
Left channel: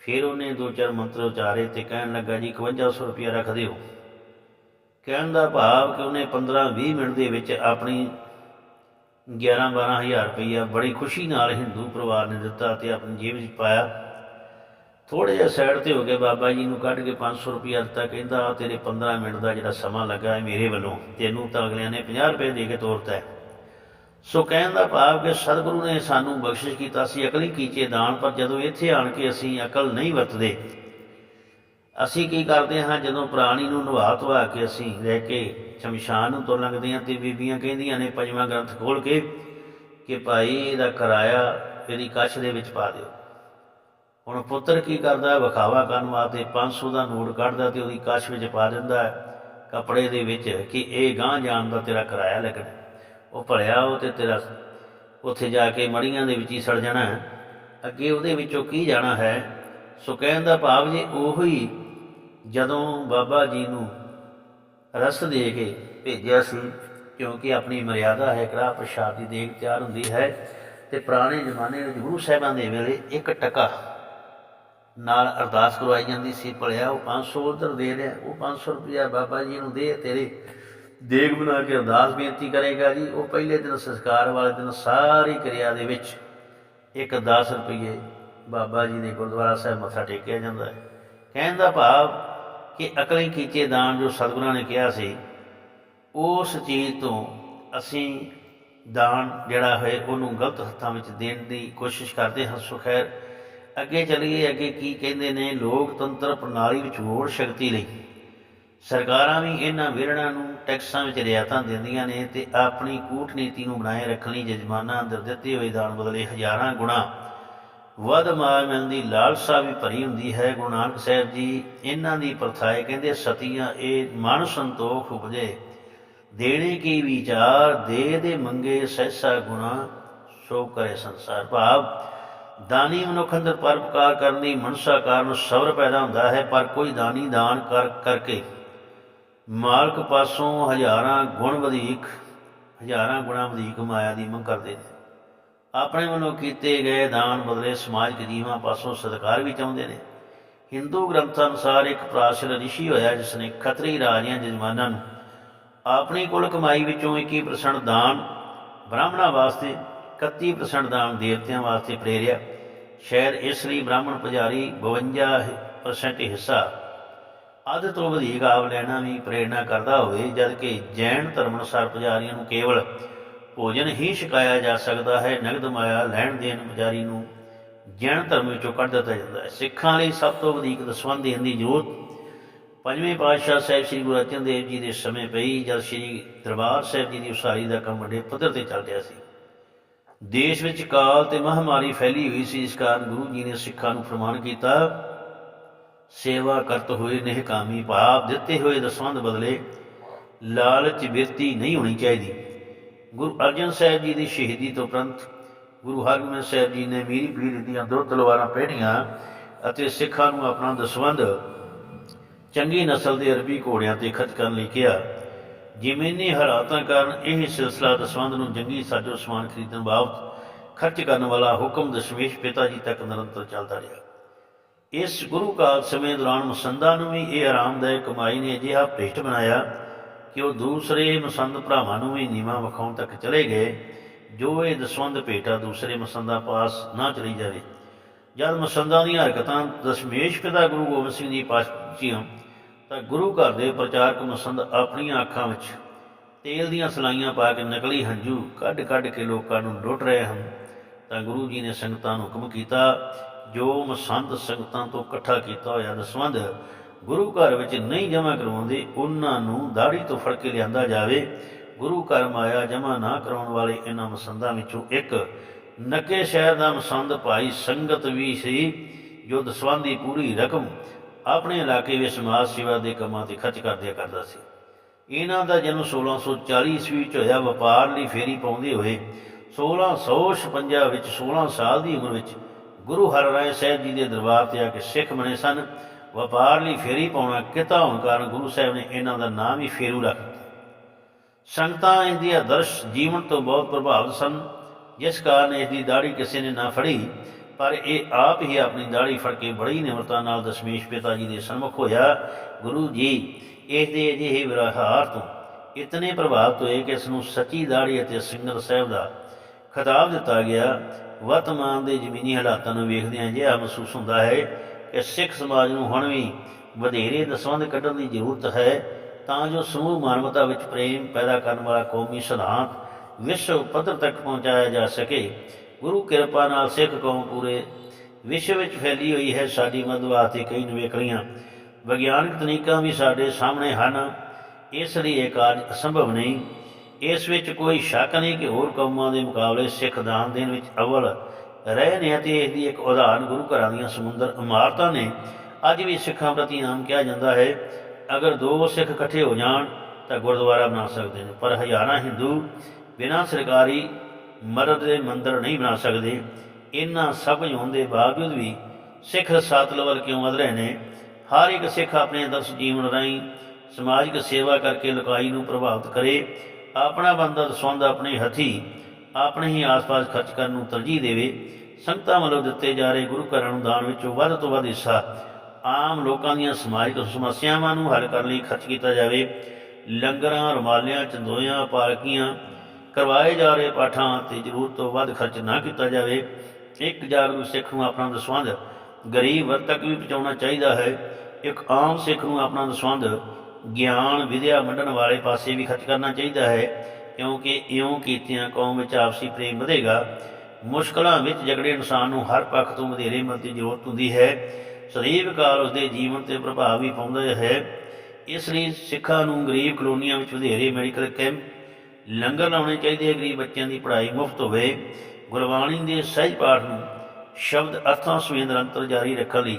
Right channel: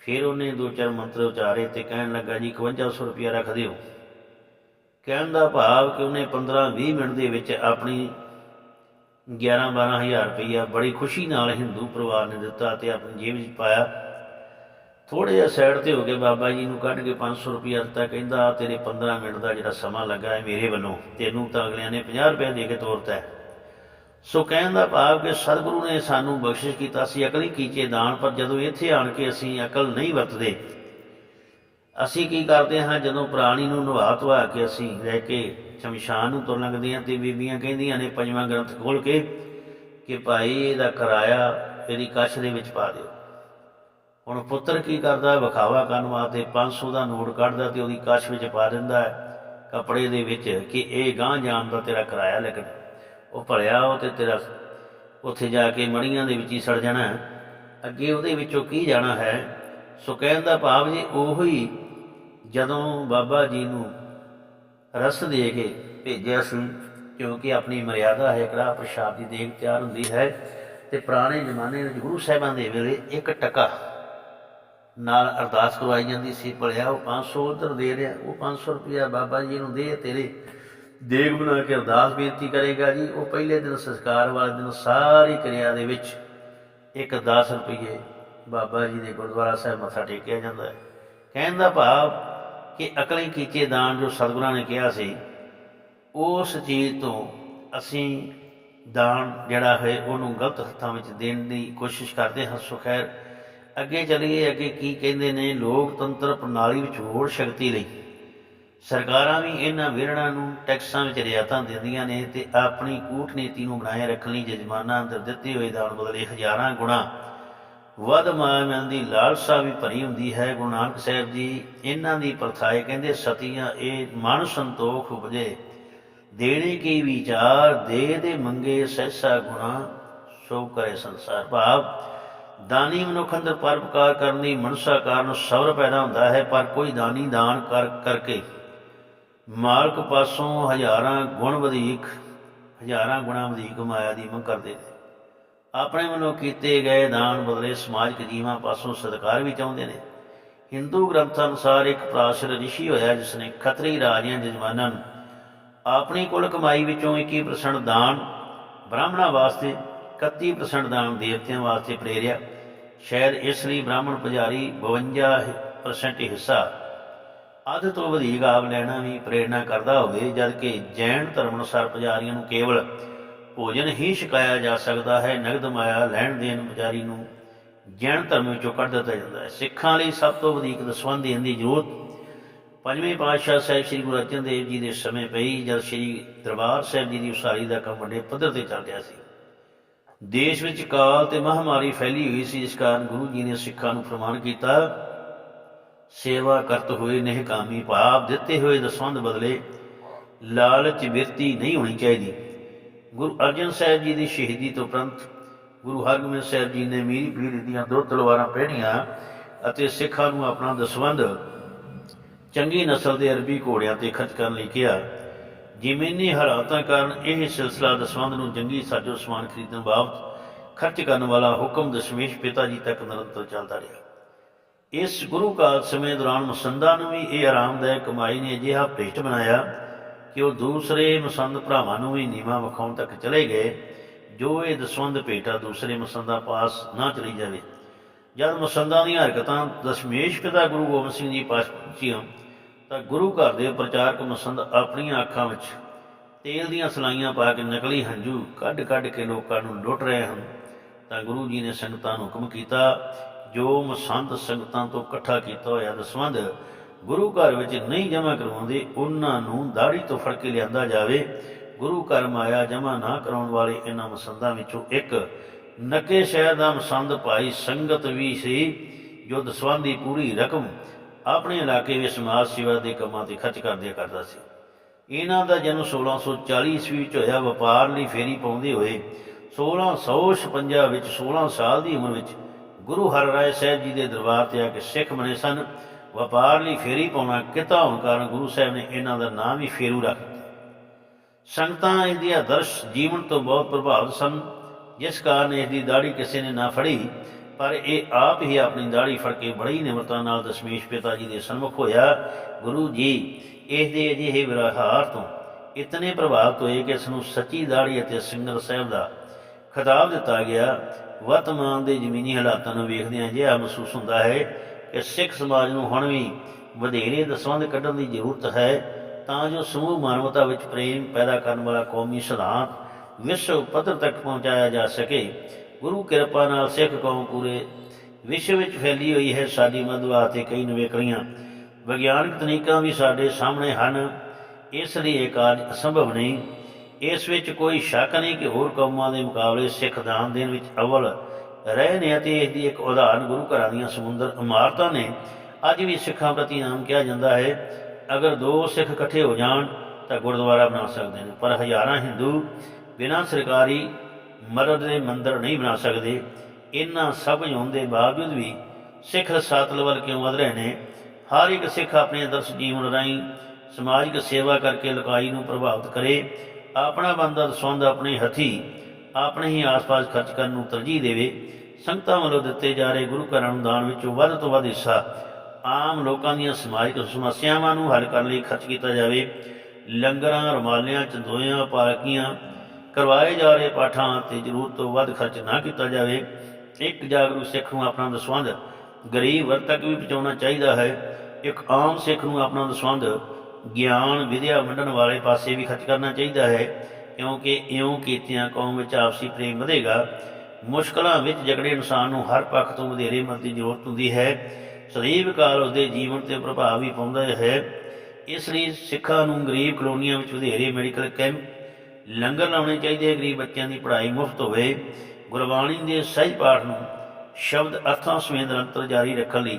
ਫਿਰ ਉਹਨੇ ਦੋ ਚਾਰ ਮੰਤਰ ਉਚਾਰੇ ਤੇ ਕਹਿਣ ਲੱਗਾ, ਜੀ 5100 ਰੁਪਇਆ ਰੱਖ ਦਿਓ। ਕਹਿਣ ਦਾ ਭਾਵ ਕਿ ਉਹਨੇ 15 20 ਮਿੰਟ ਦੇ ਵਿੱਚ ਆਪਣੀ 11 12000 ਰੁਪਇਆ ਬੜੀ ਖੁਸ਼ੀ ਨਾਲ ਹਿੰਦੂ ਪਰਿਵਾਰ ਨੇ ਦਿੱਤਾ ਤੇ ਆਪਣੀ ਜੇਬ ਵਿੱਚ ਪਾਇਆ। ਥੋੜੇ ਜਿਹਾ ਸਾਈਡ ਤੇ ਹੋ ਕੇ ਬਾਬਾ ਜੀ ਨੂੰ ਕੱਢ ਕੇ 500 ਰੁਪਇਆ ਦਿੱਤਾ, ਕਹਿੰਦਾ ਤੇਰੇ 15 ਮਿੰਟ ਦਾ ਜਿਹੜਾ ਸਮਾਂ ਲੱਗਾ ਹੈ ਮੇਰੇ ਵੱਲੋਂ, ਤੈਨੂੰ ਤਾਂ ਅਗਲਿਆਂ ਨੇ 50 ਰੁਪਏ ਦੇ ਕੇ ਤੋਰਤਾ ਹੈ। ਸੋ ਕਹਿਣ ਦਾ ਭਾਵ ਕਿ ਸਤਿਗੁਰੂ ਨੇ ਸਾਨੂੰ ਬਖਸ਼ਿਸ਼ ਕੀਤਾ ਸੀ ਅਕਲੀ ਕੀਚੇ ਦਾਨ, ਪਰ ਜਦੋਂ ਇੱਥੇ ਆਣ ਕੇ ਅਸੀਂ ਅਕਲ ਨਹੀਂ ਵਰਤਦੇ, ਅਸੀਂ ਕੀ ਕਰਦੇ ਹਾਂ? ਜਦੋਂ ਪ੍ਰਾਣੀ ਨੂੰ ਨਵਾ ਧਵਾ ਕੇ ਅਸੀਂ ਰਹਿ ਕੇ ਸ਼ਮਸ਼ਾਨ ਨੂੰ ਤੁਰ ਲੰਘਦੇ ਹਾਂ ਤੇ ਬੀਬੀਆਂ ਕਹਿੰਦੀਆਂ ਨੇ, ਪੰਜਵਾਂ ਗ੍ਰੰਥ ਖੋਲ ਕੇ ਕਿ ਭਾਈ ਇਹਦਾ ਕਿਰਾਇਆ ਇਹਦੀ ਕੱਛ ਦੇ ਵਿੱਚ ਪਾ ਦਿਓ। ਹੁਣ ਪੁੱਤਰ ਕੀ ਕਰਦਾ? ਵਿਖਾਵਾ ਕਰਨ ਵਾਸਤੇ 500 ਦਾ ਨੋਟ ਕੱਢਦਾ ਤੇ ਉਹਦੀ ਕੱਛ ਵਿੱਚ ਪਾ ਦਿੰਦਾ ਹੈ, ਕੱਪੜੇ ਦੇ ਵਿੱਚ ਕਿ ਇਹ ਗਾਂ ਜਾਣ ਦਾ ਤੇਰਾ ਕਿਰਾਇਆ ਲੱਗਣਾ ਉਹ ਭਲਿਆ, ਉਹ ਤੇ ਤੇਰਾ ਉੱਥੇ ਜਾ ਕੇ ਮੜੀਆਂ ਦੇ ਵਿੱਚ ਹੀ ਸੜ ਜਾਣਾ ਅੱਗੇ ਉਹਦੇ ਵਿੱਚੋਂ ਕੀ ਜਾਣਾ ਹੈ? ਸੋ ਕਹਿਣ ਦਾ ਭਾਵ ਜੇ ਉਹੀ ਜਦੋਂ ਬਾਬਾ ਜੀ ਨੂੰ ਰਸ ਦੇ ਕੇ ਭੇਜਿਆ ਸੀ, ਕਿਉਂਕਿ ਆਪਣੀ ਮਰਿਆਦਾ ਹੈ ਕੜਾ ਪ੍ਰਸ਼ਾਦ ਦੀ ਦੇਗ ਤਿਆਰ ਹੁੰਦੀ ਹੈ, ਤੇ ਪੁਰਾਣੇ ਜ਼ਮਾਨੇ ਵਿੱਚ ਗੁਰੂ ਸਾਹਿਬਾਂ ਦੇ ਵੇਲੇ ਇੱਕ ਟਕਾ ਨਾਲ ਅਰਦਾਸ ਕਰਵਾਈ ਜਾਂਦੀ ਸੀ, ਭਲਿਆ, ਉਹ 500 ਉਧਰ ਦੇ ਰਿਹਾ, ਉਹ 500 ਰੁਪਇਆ ਬਾਬਾ ਜੀ ਨੂੰ ਦੇ ਤੇਰੇ ਦੇਗ ਬਣਾ ਕੇ ਅਰਦਾਸ ਬੇਨਤੀ ਕਰੇਗਾ ਜੀ, ਉਹ ਪਹਿਲੇ ਦਿਨ ਸੰਸਕਾਰ ਵਾਲੇ ਦਿਨ ਸਾਰੀ ਕਿਰਿਆ ਦੇ ਵਿੱਚ ਇੱਕ 10 ਰੁਪਏ ਬਾਬਾ ਜੀ ਦੇ ਗੁਰਦੁਆਰਾ ਸਾਹਿਬ ਮੱਥਾ ਟੇਕਿਆ ਜਾਂਦਾ ਹੈ। ਕਹਿਣ ਦਾ ਭਾਵ ਕਿ ਅਕਲੇ ਕੀਚੇ ਦਾਨ ਜੋ ਸਤਿਗੁਰਾਂ ਨੇ ਕਿਹਾ ਸੀ, ਉਸ ਚੀਜ਼ ਤੋਂ ਅਸੀਂ ਦਾਨ ਜਿਹੜਾ ਹੈ, ਉਹਨੂੰ ਗਲਤ ਹੱਥਾਂ ਵਿੱਚ ਦੇਣ ਦੀ ਕੋਸ਼ਿਸ਼ ਕਰਦੇ ਹਾਂ। ਸੋ ਖੈਰ, ਅੱਗੇ ਚੱਲੀਏ, ਅੱਗੇ ਕੀ ਕਹਿੰਦੇ ਨੇ, ਲੋਕਤੰਤਰ ਪ੍ਰਣਾਲੀ ਵਿੱਚ ਹੋਰ ਸ਼ਕਤੀ ਲਈ ਸਰਕਾਰਾਂ ਵੀ ਇਹਨਾਂ ਵਿਰੜਾਂ ਨੂੰ ਟੈਕਸਾਂ ਵਿੱਚ ਰਿਆਇਤਾਂ ਦਿੰਦੀਆਂ ਨੇ ਤੇ ਆਪਣੀ ਕੂਟਨੀਤੀ ਨੂੰ ਬਣਾਏ ਰੱਖਣ ਲਈ ਜਜਮਾਨਾਂ ਅੰਦਰ ਦਿੱਤੇ ਹੋਏ ਦਾਨ ਬਦਲੇ ਹਜ਼ਾਰਾਂ ਗੁਣਾ ਵੱਧ ਮਾਇਆ ਮਿਲਣ ਦੀ ਲਾਲਸਾ ਵੀ ਭਰੀ ਹੁੰਦੀ ਹੈ। ਗੁਰੂ ਨਾਨਕ ਸਾਹਿਬ ਜੀ ਇਹਨਾਂ ਦੀ ਪ੍ਰਥਾਏ ਕਹਿੰਦੇ, ਸਤੀਆਂ, ਇਹ ਮਨ ਸੰਤੋਖ ਉਪਜੇ। ਦੇਣੇ ਕੀ ਵਿਚਾਰ, ਦੇ ਦੇ ਮੰਗੇ ਸਹਿਸਾ ਗੁਣਾ, ਸੋ ਕਰੇ ਸੰਸਾਰ ਭਾਵ। ਦਾਨੀ ਮਨੁੱਖ ਅੰਦਰ ਪਰਪਕਾਰ ਕਰਨ ਦੀ ਮਨਸਾ ਕਾਰਨ ਸਬਰ ਪੈਦਾ ਹੁੰਦਾ ਹੈ, ਪਰ ਕੋਈ ਦਾਨੀ ਦਾਨ ਕਰ ਕਰਕੇ ਮਾਲਕ ਪਾਸੋਂ ਹਜ਼ਾਰਾਂ ਗੁਣ ਵਧੇਕ, ਹਜ਼ਾਰਾਂ ਗੁਣਾ ਵਧੇਕ ਮਾਇਆ ਦੀ ਮੰਗ ਕਰਦੇ ਨੇ। ਆਪਣੇ ਵੱਲੋਂ ਕੀਤੇ ਗਏ ਦਾਨ ਬਦਲੇ ਸਮਾਜਿਕ ਜੀਵਾਂ ਪਾਸੋਂ ਸਤਿਕਾਰ ਵੀ ਚਾਹੁੰਦੇ ਨੇ। ਹਿੰਦੂ ਗ੍ਰੰਥਾਂ ਅਨੁਸਾਰ ਇੱਕ ਪ੍ਰਾਚੀਨ ਰਿਸ਼ੀ ਹੋਇਆ ਜਿਸ ਨੇ ਖੱਤਰੀ ਰਾਜਿਆਂ ਜਜਮਾਨਾਂ ਨੂੰ ਆਪਣੀ ਕੁੱਲ ਕਮਾਈ ਵਿੱਚੋਂ 21% ਦਾਨ ਬ੍ਰਾਹਮਣਾਂ ਵਾਸਤੇ 31% ਦਾਨ ਦੇਵਤਿਆਂ ਵਾਸਤੇ ਪ੍ਰੇਰਿਆ। ਸ਼ਾਇਦ ਇਸ ਲਈ ਬ੍ਰਾਹਮਣ ਪੁਜਾਰੀ 52% ਹਿੱਸਾ ਅੱਧ ਤੋਂ ਵਧੇਕ ਆਪ ਲੈਣਾ ਵੀ ਪ੍ਰੇਰਣਾ ਕਰਦਾ ਹੋਵੇ ਜਦਕਿ ਜੈਨ ਧਰਮ ਅਨੁਸਾਰ ਪੁਜਾਰੀਆਂ ਨੂੰ ਕੇਵਲ ਭੋਜਨ ਹੀ ਛਕਾਇਆ ਜਾ ਸਕਦਾ ਹੈ, ਨਗਦ ਮਾਇਆ ਲੈਣ ਦੇਣ ਪੁਜਾਰੀ ਨੂੰ ਜੈਨ ਧਰਮ ਵਿੱਚੋਂ ਕੱਢ ਦਿੱਤਾ ਜਾਂਦਾ ਹੈ। ਸਿੱਖਾਂ ਲਈ ਸਭ ਤੋਂ ਵਧੇਕ ਦਸਵੰਧ ਦੇਣ ਦੀ ਜ਼ਰੂਰਤ ਪੰਜਵੇਂ ਪਾਤਸ਼ਾਹ ਸਾਹਿਬ ਸ੍ਰੀ ਗੁਰੂ ਅਰਜਨ ਦੇਵ ਜੀ ਦੇ ਸਮੇਂ ਪਈ, ਜਦ ਸ੍ਰੀ ਦਰਬਾਰ ਸਾਹਿਬ ਜੀ ਦੀ ਉਸਾਰੀ ਦਾ ਕੰਮ ਵੱਡੇ ਪੱਧਰ ਤੇ ਚੱਲ ਰਿਹਾ ਸੀ। ਦੇਸ਼ ਵਿੱਚ ਕਾਲ ਤੇ ਮਹਾਮਾਰੀ ਫੈਲੀ ਹੋਈ ਸੀ, ਜਿਸ ਕਾਰਨ ਗੁਰੂ ਜੀ ਨੇ ਸਿੱਖਾਂ ਨੂੰ ਫਰਮਾਨ ਕੀਤਾ ਸੇਵਾ ਕਰਤ ਹੋਏ ਨਿਹਕਾਮੀ ਭਾਵ, ਦਿੱਤੇ ਹੋਏ ਦਸਵੰਧ ਬਦਲੇ ਲਾਲਚ ਵਿਰਤੀ ਨਹੀਂ ਹੋਣੀ ਚਾਹੀਦੀ। ਗੁਰੂ ਅਰਜਨ ਸਾਹਿਬ ਜੀ ਦੀ ਸ਼ਹੀਦੀ ਤੋਂ ਉਪਰੰਤ ਗੁਰੂ ਹਰਗੋਬਿੰਦ ਸਾਹਿਬ ਜੀ ਨੇ ਮੀਰੀ ਪੀਰ ਦੀਆਂ ਦੋ ਤਲਵਾਰਾਂ ਪਹਿਨੀਆਂ ਅਤੇ ਸਿੱਖਾਂ ਨੂੰ ਆਪਣਾ ਦਸਵੰਧ ਚੰਗੀ ਨਸਲ ਦੇ ਅਰਬੀ ਘੋੜਿਆਂ ਤੇ ਖਰਚ ਕਰਨ ਲਈ ਕਿਹਾ। ਜ਼ਮੀਨੀ ਹਾਲਾਤਾਂ ਕਾਰਨ ਇਹ ਸਿਲਸਿਲਾ ਦਸਵੰਧ ਨੂੰ ਜੰਗੀ ਸਾਜੋ ਸਮਾਨ ਖਰੀਦਣ ਬਾਬਤ ਖਰਚ ਕਰਨ ਵਾਲਾ ਹੁਕਮ ਦਸ਼ਮੇਸ਼ ਪਿਤਾ ਜੀ ਤੱਕ ਨਿਰੰਤਰ ਚੱਲਦਾ ਰਿਹਾ। ਇਸ ਗੁਰੂ ਕਾਲ ਸਮੇਂ ਦੌਰਾਨ ਮਸੰਦਾਂ ਨੂੰ ਵੀ ਇਹ ਆਰਾਮਦਾਇਕ ਕਮਾਈ ਨੇ ਅਜਿਹਾ ਭ੍ਰਿਸ਼ਟ ਬਣਾਇਆ ਕਿ ਉਹ ਦੂਸਰੇ ਮਸੰਦ ਭਰਾਵਾਂ ਨੂੰ ਵੀ ਨੀਵਾਂ ਵਿਖਾਉਣ ਤੱਕ ਚਲੇ ਗਏ, ਜੋ ਇਹ ਦਸਵੰਧ ਭੇਟਾ ਦੂਸਰੇ ਮਸੰਦਾਂ ਪਾਸ ਨਾ ਚਲੀ ਜਾਵੇ। ਜਦ ਮਸੰਦਾਂ ਦੀਆਂ ਹਰਕਤਾਂ ਦਸ਼ਮੇਸ਼ ਪਿਤਾ ਗੁਰੂ ਗੋਬਿੰਦ ਸਿੰਘ ਜੀ ਪਾਸ ਪਹੁੰਚੀਆਂ ਤਾਂ ਗੁਰੂ ਘਰ ਦੇ ਪ੍ਰਚਾਰਕ ਮਸੰਦ ਆਪਣੀਆਂ ਅੱਖਾਂ ਵਿੱਚ ਤੇਲ ਦੀਆਂ ਸਲਾਈਆਂ ਪਾ ਕੇ ਨਕਲੀ ਹੰਝੂ ਕੱਢ-ਕੱਢ ਕੇ ਲੋਕਾਂ ਨੂੰ ਲੁੱਟ ਰਹੇ ਹਨ। ਤਾਂ ਗੁਰੂ ਜੀ ਨੇ ਸੰਗਤਾਂ ਨੂੰ ਹੁਕਮ ਕੀਤਾ ਜੋ ਮਸੰਦ ਸੰਗਤਾਂ ਤੋਂ ਇਕੱਠਾ ਕੀਤਾ ਹੋਇਆ ਦਸਵੰਧ ਗੁਰੂ ਘਰ ਵਿੱਚ ਨਹੀਂ ਜਮ੍ਹਾਂ ਕਰਵਾਉਂਦੇ, ਉਹਨਾਂ ਨੂੰ ਦਾੜੀ ਤੋਂ ਫੜ ਕੇ ਲਿਆਂਦਾ ਜਾਵੇ। ਗੁਰੂ ਘਰ ਮਾਇਆ ਜਮ੍ਹਾਂ ਨਾ ਕਰਾਉਣ ਵਾਲੇ ਇਹਨਾਂ ਮਸੰਦਾਂ ਵਿੱਚੋਂ ਇੱਕ ਨੱਕੇ ਸ਼ਹਿਰ ਦਾ ਮਸੰਦ ਭਾਈ ਸੰਗਤ ਵੀ ਸੀ, ਜੋ ਦਸਵੰਧ ਦੀ ਪੂਰੀ ਰਕਮ ਆਪਣੇ ਇਲਾਕੇ ਵਿੱਚ ਸਮਾਜ ਸੇਵਾ ਦੇ ਕੰਮਾਂ ਤੇ ਖਰਚ ਕਰਦਿਆ ਕਰਦਾ ਸੀ। ਇਹਨਾਂ ਦਾ ਜਨਮ 1640 ਈਸਵੀ ਵਿੱਚ ਹੋਇਆ, ਵਪਾਰ ਲਈ ਫੇਰੀ ਪਾਉਂਦੇ ਹੋਏ 1656 ਵਿੱਚ 16 ਸਾਲ ਦੀ ਉਮਰ ਵਿੱਚ ਗੁਰੂ ਹਰ ਹਰਿਰਾਏ ਸਾਹਿਬ ਜੀ ਦੇ ਦਰਬਾਰ ਤੇ ਆ ਕੇ ਸਿੱਖ ਬਣੇ ਸਨ। ਵਪਾਰ ਲਈ ਫੇਰੀ ਪਾਉਣਾ ਕਿਤਾ ਹੋਣ ਕਾਰਨ ਗੁਰੂ ਸਾਹਿਬ ਨੇ ਇਹਨਾਂ ਦਾ ਨਾਮ ਹੀ ਫੇਰੂ ਰੱਖ ਦਿੱਤਾ। ਸੰਗਤਾਂ ਇਸ ਦੀ ਆਦਰਸ਼ ਜੀਵਨ ਤੋਂ ਬਹੁਤ ਪ੍ਰਭਾਵਿਤ ਸਨ। ਜਿਸ ਕਾਰਨ ਇਸ ਦੀ ਦਾੜੀ ਕਿਸੇ ਨੇ ਨਾ ਫੜੀ, ਪਰ ਇਹ ਆਪ ਹੀ ਆਪਣੀ ਦਾੜੀ ਫੜ ਕੇ ਬੜੀ ਨਿਮਰਤਾ ਨਾਲ ਦਸ਼ਮੇਸ਼ ਪਿਤਾ ਜੀ ਦੇ ਸਨਮੁਖ ਹੋਇਆ। ਗੁਰੂ ਜੀ, ਇਸ ਦੇ ਅਜਿਹੇ ਵਿਵਹਾਰ ਤੋਂ ਇਤਨੇ ਪ੍ਰਭਾਵਿਤ ਹੋਏ ਕਿ ਇਸ ਨੂੰ ਸੱਚੀ ਦਾੜੀ ਅਤੇ ਸਿੰਗਰ ਸਾਹਿਬ ਦਾ ਖਿਤਾਬ ਦਿੱਤਾ ਗਿਆ। ਵਰਤਮਾਨ ਦੇ ਜ਼ਮੀਨੀ ਹਾਲਾਤਾਂ ਨੂੰ ਵੇਖਦਿਆਂ ਅਜਿਹਾ ਮਹਿਸੂਸ ਹੁੰਦਾ ਹੈ ਕਿ ਸਿੱਖ ਸਮਾਜ ਨੂੰ ਹੁਣ ਵੀ ਵਧੇਰੇ ਦਸਵੰਧ ਕੱਢਣ ਦੀ ਜ਼ਰੂਰਤ ਹੈ, ਤਾਂ ਜੋ ਸਮੂਹ ਮਾਨਵਤਾ ਵਿੱਚ ਪ੍ਰੇਮ ਪੈਦਾ ਕਰਨ ਵਾਲਾ ਕੌਮੀ ਸਿਧਾਂਤ ਵਿਸ਼ਵ ਪੱਧਰ ਤੱਕ ਪਹੁੰਚਾਇਆ ਜਾ ਸਕੇ। ਗੁਰੂ ਕਿਰਪਾ ਨਾਲ ਸਿੱਖ ਕੌਮ ਪੂਰੇ ਵਿਸ਼ਵ ਵਿੱਚ ਫੈਲੀ ਹੋਈ ਹੈ, ਸਾਡੀ ਮਦਦ ਵਾਸਤੇ ਕਈ ਨਵੇਕਲੀਆਂ ਵਿਗਿਆਨਕ ਤਕਨੀਕਾਂ ਵੀ ਸਾਡੇ ਸਾਹਮਣੇ ਹਨ। ਇਸ ਲਈ ਇਹ ਕਾਰਜ ਅਸੰਭਵ ਨਹੀਂ। ਇਸ ਵਿੱਚ ਕੋਈ ਸ਼ੱਕ ਨਹੀਂ ਕਿ ਹੋਰ ਕੌਮਾਂ ਦੇ ਮੁਕਾਬਲੇ ਸਿੱਖ ਦਾਨ ਦੇਣ ਵਿੱਚ ਅਵਲ ਰਹੇ ਨੇ ਅਤੇ ਇਸ ਦੀ ਇੱਕ ਉਦਾਹਰਨ ਗੁਰੂ ਘਰਾਂ ਦੀਆਂ ਸਮੁੰਦਰ ਇਮਾਰਤਾਂ ਨੇ। ਅੱਜ ਵੀ ਸਿੱਖਾਂ ਪ੍ਰਤੀ ਨਾਮ ਕਿਹਾ ਜਾਂਦਾ ਹੈ, ਅਗਰ ਦੋ ਸਿੱਖ ਇਕੱਠੇ ਹੋ ਜਾਣ ਤਾਂ ਗੁਰਦੁਆਰਾ ਬਣਾ ਸਕਦੇ ਨੇ, ਪਰ ਹਜ਼ਾਰਾਂ ਹਿੰਦੂ ਬਿਨਾਂ ਸਰਕਾਰੀ ਮਦਦ ਦੇ ਮੰਦਰ ਨਹੀਂ ਬਣਾ ਸਕਦੇ। ਇਹਨਾਂ ਸਭ ਕੁਝ ਹੋਣ ਦੇ ਬਾਵਜੂਦ ਵੀ ਸਿੱਖ ਰਸਾਤਲ ਵੱਲ ਕਿਉਂ ਵਧ ਰਹੇ ਨੇ? ਹਰ ਇੱਕ ਸਿੱਖ ਆਪਣੇ ਆਦਰਸ਼ ਜੀਵਨ ਰਾਹੀਂ ਸਮਾਜਿਕ ਸੇਵਾ ਕਰਕੇ ਲੁਕਾਈ ਨੂੰ ਪ੍ਰਭਾਵਿਤ ਕਰੇ ਆਪਣਾ ਬੰਦਾ ਦਸਵੰਦ ਆਪਣੇ ਹੱਥੀ, ਆਪਣੇ ਹੀ ਆਸ-ਪਾਸ ਖਰਚ ਕਰਨ ਨੂੰ ਤਰਜੀਹ ਦੇਵੇ, ਸੰਗਤਾਂ ਵੱਲੋਂ ਦਿੱਤੇ ਜਾ ਰਹੇ ਗੁਰੂ ਘਰਾਂ ਨੂੰ ਦਾਨ ਵਿੱਚੋਂ ਵੱਧ ਤੋਂ ਵੱਧ ਹਿੱਸਾ ਆਮ ਲੋਕਾਂ ਦੀਆਂ ਸਮਾਜਿਕ ਸਮੱਸਿਆਵਾਂ ਨੂੰ ਹੱਲ ਕਰਨ ਲਈ ਖਰਚ ਕੀਤਾ ਜਾਵੇ। ਲੰਗਰਾਂ, ਰੁਮਾਲਿਆਂ, ਚੰਦੋਇਆਂ, ਪਾਲਕੀਆਂ, ਕਰਵਾਏ ਜਾ ਰਹੇ ਪਾਠਾਂ ਤੇ ਜ਼ਰੂਰਤ ਤੋਂ ਵੱਧ ਖਰਚ ਨਾ ਕੀਤਾ ਜਾਵੇ। ਇੱਕ ਜਾਗਰੂਕ ਸਿੱਖ ਨੂੰ ਆਪਣਾ ਦਸਵੰਧ, ਗਰੀਬ ਵਰਗ ਤੱਕ ਵੀ ਪਹੁੰਚਾਉਣਾ ਚਾਹੀਦਾ ਹੈ। ਇੱਕ ਆਮ ਸਿੱਖ ਨੂੰ ਆਪਣਾ ਦਸਵੰਧ ਗਿਆਨ ਵਿਦਿਆ ਵੰਡਣ ਵਾਲੇ ਪਾਸੇ ਵੀ ਖਰਚ ਕਰਨਾ ਚਾਹੀਦਾ ਹੈ, ਕਿਉਂਕਿ ਇਉਂ ਕੀਤਿਆਂ ਕੌਮ ਵਿੱਚ ਆਪਸੀ ਪ੍ਰੇਮ ਵਧੇਗਾ। ਮੁਸ਼ਕਲਾਂ ਵਿੱਚ ਜਗੜੇ ਇਨਸਾਨ ਨੂੰ ਹਰ ਪੱਖ ਤੋਂ ਵਧੇਰੇ ਮਦਦ ਦੀ ਜ਼ਰੂਰਤ ਹੁੰਦੀ ਹੈ। ਸਦੀਵ ਕਾਲ ਉਸਦੇ ਜੀਵਨ ਤੇ ਪ੍ਰਭਾਵ ਵੀ ਪਾਉਂਦਾ ਹੈ। ਇਸ ਲਈ ਸਿੱਖਾਂ ਨੂੰ ਗਰੀਬ ਕਲੋਨੀਆਂ ਵਿੱਚ ਵਧੇਰੇ ਮੈਡੀਕਲ ਕੈਂਪ, ਲੰਗਰ ਲਾਉਣੇ ਚਾਹੀਦੇ ਹੈ। ਗਰੀਬ ਬੱਚਿਆਂ ਦੀ ਪੜ੍ਹਾਈ ਮੁਫਤ ਹੋਵੇ। ਗੁਰਬਾਣੀ ਦੇ ਸਹਿਜ ਪਾਠ ਨੂੰ ਸ਼ਬਦ ਅਰਥਾਂ ਸਮੇਤ ਨਿਰੰਤਰ ਜਾਰੀ ਰੱਖਣ ਲਈ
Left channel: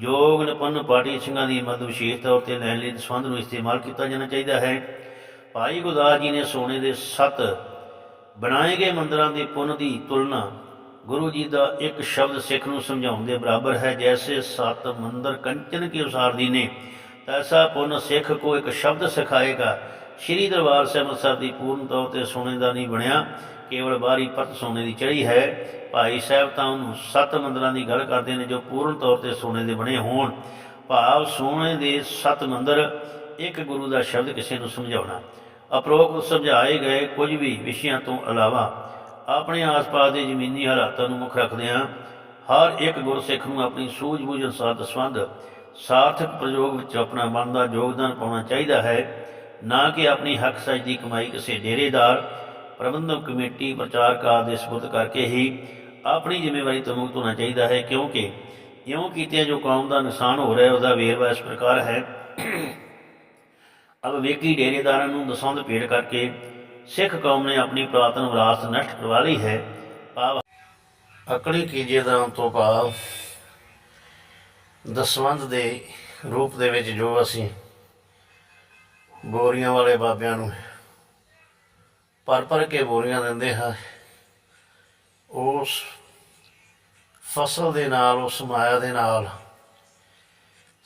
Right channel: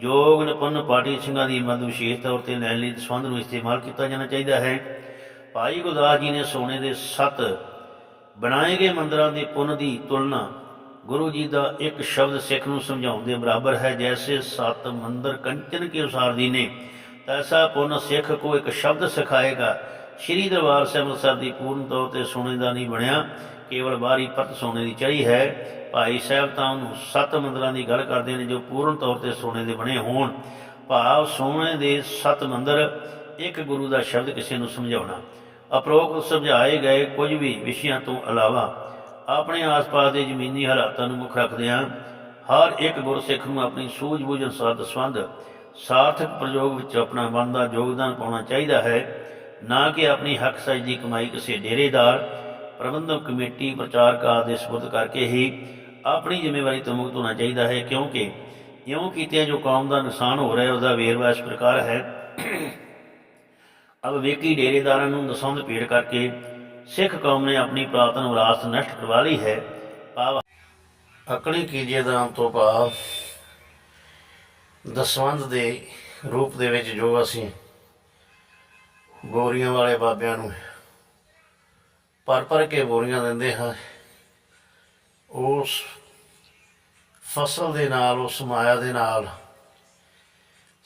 ਯੋਗ ਨਿਪੁੰਨ ਪਾਰਟੀ ਸਿੰਘਾਂ ਦੀ ਮਦਦ ਵਿਸ਼ੇਸ਼ ਤੌਰ ਤੇ ਲੈਣ ਲਈ ਸੰਬੰਧ ਨੂੰ ਇਸਤੇਮਾਲ ਕੀਤਾ ਜਾਣਾ ਚਾਹੀਦਾ ਹੈ। ਭਾਈ ਗੁਰਦਾਸ ਜੀ ਨੇ ਸੋਨੇ ਦੇ ਸੱਤ ਬਣਾਏ ਗਏ ਮੰਦਰਾਂ ਦੇ ਪੁੰਨ ਦੀ ਤੁਲਨਾ ਗੁਰੂ ਜੀ ਦਾ ਇੱਕ ਸ਼ਬਦ ਸਿੱਖ ਨੂੰ ਸਮਝਾਉਣ ਦੇ ਬਰਾਬਰ ਹੈ, ਜੈਸੇ ਸੱਤ ਮੰਦਰ ਕੰਚਨ ਕੇ ਅਨੁਸਾਰ ਦੀਨੇ ਤੈਸਾ ਪੁੰਨ ਸਿੱਖ ਕੋ ਇੱਕ ਸ਼ਬਦ ਸਿਖਾਏਗਾ। ਸ਼੍ਰੀ ਦਰਬਾਰ ਸਾਹਿਬ ਅੰਮ੍ਰਿਤਸਰ ਦੀ ਪੂਰਨ ਤੌਰ ਤੇ ਸੋਨੇ ਦਾ ਨਹੀਂ ਬਣਿਆ। ਕੇਵਲ ਬਾਹਰੀ ਪਰਤ ਸੋਨੇ ਦੀ ਚੜੀ ਹੈ। ਭਾਈ ਸਾਹਿਬ ਤਾਂ ਉਹਨੂੰ ਸੱਤ ਮੰਦਰਾਂ ਦੀ ਗੱਲ ਕਰਦੇ ਨੇ ਜੋ ਪੂਰਨ ਤੌਰ ਤੇ ਸੋਨੇ ਦੇ ਬਣੇ ਹੋਣ। ਭਾਵ ਸੋਨੇ ਦੇ ਸੱਤ ਮੰਦਰ ਇੱਕ ਗੁਰੂ ਦਾ ਸ਼ਬਦ ਕਿਸੇ ਨੂੰ ਸਮਝਾਉਣਾ। ਅਪਰੋਕਤ ਸਮਝਾਏ ਗਏ ਕੁਝ ਵੀ ਵਿਸ਼ਿਆਂ ਤੋਂ ਇਲਾਵਾ ਆਪਣੇ ਆਸ-ਪਾਸ ਦੇ ਜ਼ਮੀਨੀ ਹਾਲਾਤਾਂ ਨੂੰ ਮੁੱਖ ਰੱਖਦਿਆਂ ਹਰ ਇੱਕ ਗੁਰਸਿੱਖ ਨੂੰ ਆਪਣੀ ਸੂਝ-ਬੂਝ ਅਨੁਸਾਰ ਦਸਵੰਧ, ਸਾਰਥਕ ਪ੍ਰਯੋਗ ਵਿੱਚ ਆਪਣਾ ਬਣਦਾ ਯੋਗਦਾਨ ਪਾਉਣਾ ਚਾਹੀਦਾ ਹੈ। ਨਾ ਕਿ ਆਪਣੀ ਹੱਕ ਸੱਚ ਦੀ ਕਮਾਈ ਕਿਸੇ ਡੇਰੇਦਾਰ ਪ੍ਰਬੰਧਕ ਕਮੇਟੀ ਪ੍ਰਚਾਰਕ ਆਦਿ ਦੇ ਸਪੁਰਦ ਕਰਕੇ ਹੀ ਆਪਣੀ ਜ਼ਿੰਮੇਵਾਰੀ ਤੋਂ ਮੁਕਤ ਹੋਣਾ ਚਾਹੀਦਾ ਹੈ, ਕਿਉਂਕਿ ਇਉਂ ਕੀਤਿਆਂ ਜੋ ਕੌਮ ਦਾ ਨੁਕਸਾਨ ਹੋ ਰਿਹਾ ਹੈ, ਉਹਦਾ ਵੇਰਵਾ ਇਸ ਪ੍ਰਕਾਰ ਹੈ। ਅਬ ਵੇਕੀ ਡੇਰੇਦਾਰਾਂ ਨੂੰ ਦਸਵੰਧ ਭੇਟ ਕਰਕੇ ਸਿੱਖ ਕੌਮ ਨੇ ਆਪਣੀ ਪੁਰਾਤਨ ਵਿਰਾਸਤ ਨਸ਼ਟ ਕਰਵਾ ਲਈ ਹੈ। ਭਾਵ ਅਕਲੀ ਕੀਜੇ ਦਾਨ ਤੋਂ ਭਾਵ ਦਸਵੰਧ ਦੇ ਰੂਪ ਦੇ ਵਿੱਚ ਜੋ ਅਸੀਂ ਬੋਰੀਆਂ ਵਾਲੇ ਬਾਬਿਆਂ ਨੂੰ ਭਰ ਭਰ ਕੇ ਬੋਰੀਆਂ ਦਿੰਦੇ ਹਾਂ। ਉਸ ਫਸਲ ਦੇ ਨਾਲ, ਉਸ ਮਾਇਆ ਦੇ ਨਾਲ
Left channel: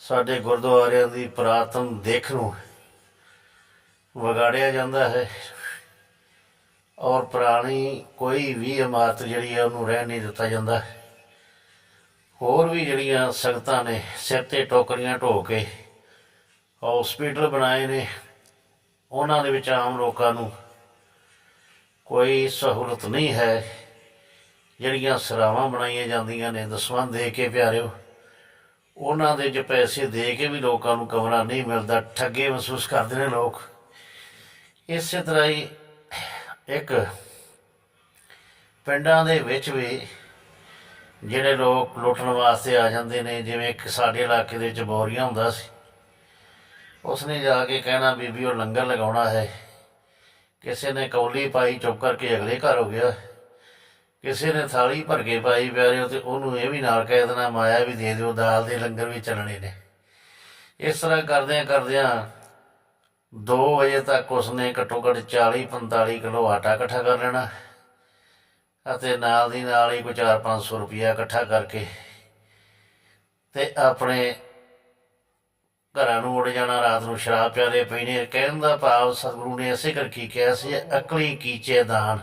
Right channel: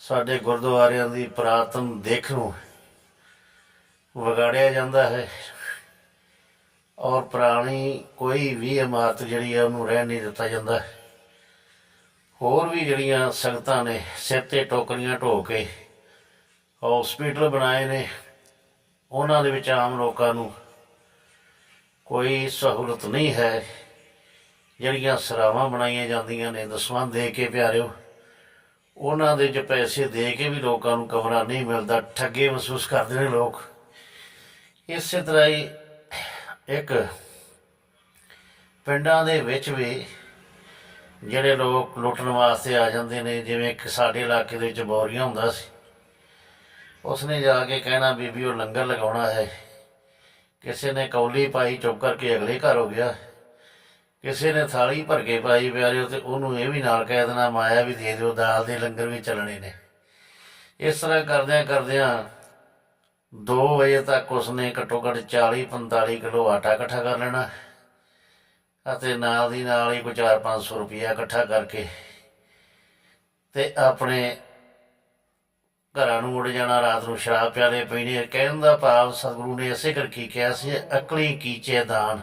ਸਾਡੇ ਗੁਰਦੁਆਰਿਆਂ ਦੀ ਪ੍ਰਾਤਨ ਦੇਖ ਨੂੰ ਵਿਗਾੜਿਆ ਜਾਂਦਾ ਹੈ ਔਰ ਪੁਰਾਣੀ ਕੋਈ ਵੀ ਇਮਾਰਤ ਜਿਹੜੀ ਹੈ ਉਹਨੂੰ ਰਹਿਣ ਨਹੀਂ ਦਿੱਤਾ ਜਾਂਦਾ। ਹੋਰ ਵੀ ਜਿਹੜੀਆਂ ਸੰਗਤਾਂ ਨੇ ਸਿਰ ਤੇ ਟੋਕਰੀਆਂ ਢੋ ਕੇ ਹਸਪੀਟਲ ਬਣਾਏ ਨੇ, ਉਹਨਾਂ ਦੇ ਵਿੱਚ ਆਮ ਲੋਕਾਂ ਨੂੰ ਕੋਈ ਸਹੂਲਤ ਨਹੀਂ ਹੈ। ਜਿਹੜੀਆਂ ਸਰਾਵਾਂ ਬਣਾਈਆਂ ਜਾਂਦੀਆਂ ਨੇ ਦਸਵੰਧ ਦੇ ਕੇ ਪਿਆਰਿਓ, ਉਹਨਾਂ ਦੇ ਚ ਪੈਸੇ ਦੇ ਕੇ ਵੀ ਲੋਕਾਂ ਨੂੰ ਕਮਰਾ ਨਹੀਂ ਮਿਲਦਾ। ਠੱਗੇ ਮਹਿਸੂਸ ਕਰਦੇ ਨੇ ਲੋਕ। ਇਸੇ ਤਰ੍ਹਾਂ ਹੀ ਇੱਕ ਪਿੰਡਾਂ ਦੇ ਵਿੱਚ ਵੀ ਜਿਹੜੇ ਲੋਕ ਲੁੱਟਣ ਵਾਸਤੇ ਆ ਜਾਂਦੇ ਨੇ, ਜਿਵੇਂ ਇੱਕ ਸਾਡੇ ਇਲਾਕੇ ਦੇ ਵਿੱਚ ਬੋਰੀਆਂ ਹੁੰਦਾ ਸੀ। ਉਸਨੇ ਜਾ ਕੇ ਕਹਿਣਾ, ਬੀਬੀ, ਉਹ ਲੰਗਰ ਲਗਾਉਣਾ ਹੈ। ਕਿਸੇ ਨੇ ਕੌਲੀ ਪਾਈ ਚੁੱਪ ਕਰਕੇ ਅਗਲੇ ਘਰ ਹੋ ਗਿਆ। ਕਿਸੇ ਨੇ ਥਾਲੀ ਭਰ ਕੇ ਪਾਈ ਪਿਆਰੇ ਤੇ ਉਹਨੂੰ ਇਹ ਵੀ ਨਾਲ ਕਹਿ ਦੇਣਾ, ਮਾਇਆ ਵੀ ਦੇ ਦਿਓ, ਦਾਲ ਦੇ ਲੰਗਰ ਵੀ ਚੱਲਣੇ ਨੇ। ਇਸ ਤਰ੍ਹਾਂ ਕਰਦਿਆਂ ਕਰਦਿਆਂ 2 ਵਜੇ ਤੱਕ ਉਸਨੇ ਘੱਟੋ ਘੱਟ 40 45 ਕਿਲੋ ਆਟਾ ਇਕੱਠਾ ਕਰ ਲੈਣਾ ਅਤੇ ਨਾਲ ਦੀ ਨਾਲ ਹੀ ਕੋਈ 4-500 ਰੁਪਇਆ ਇਕੱਠਾ ਕਰਕੇ ਤੇ ਆਪਣੇ ਘਰਾਂ ਨੂੰ ਉੱਡ ਜਾਣਾ, ਰਾਤ ਨੂੰ ਸ਼ਰਾਬ ਪਿਆਲੇ ਪੀਣੇ। ਕਹਿਣ ਦਾ ਭਾਵ ਸਤਿਗੁਰੂ ਨੇ ਇਸੇ ਕਰਕੇ ਕਿਹਾ ਸੀ, ਅਕਲੀ ਕੀਚੇ ਦਾਨ।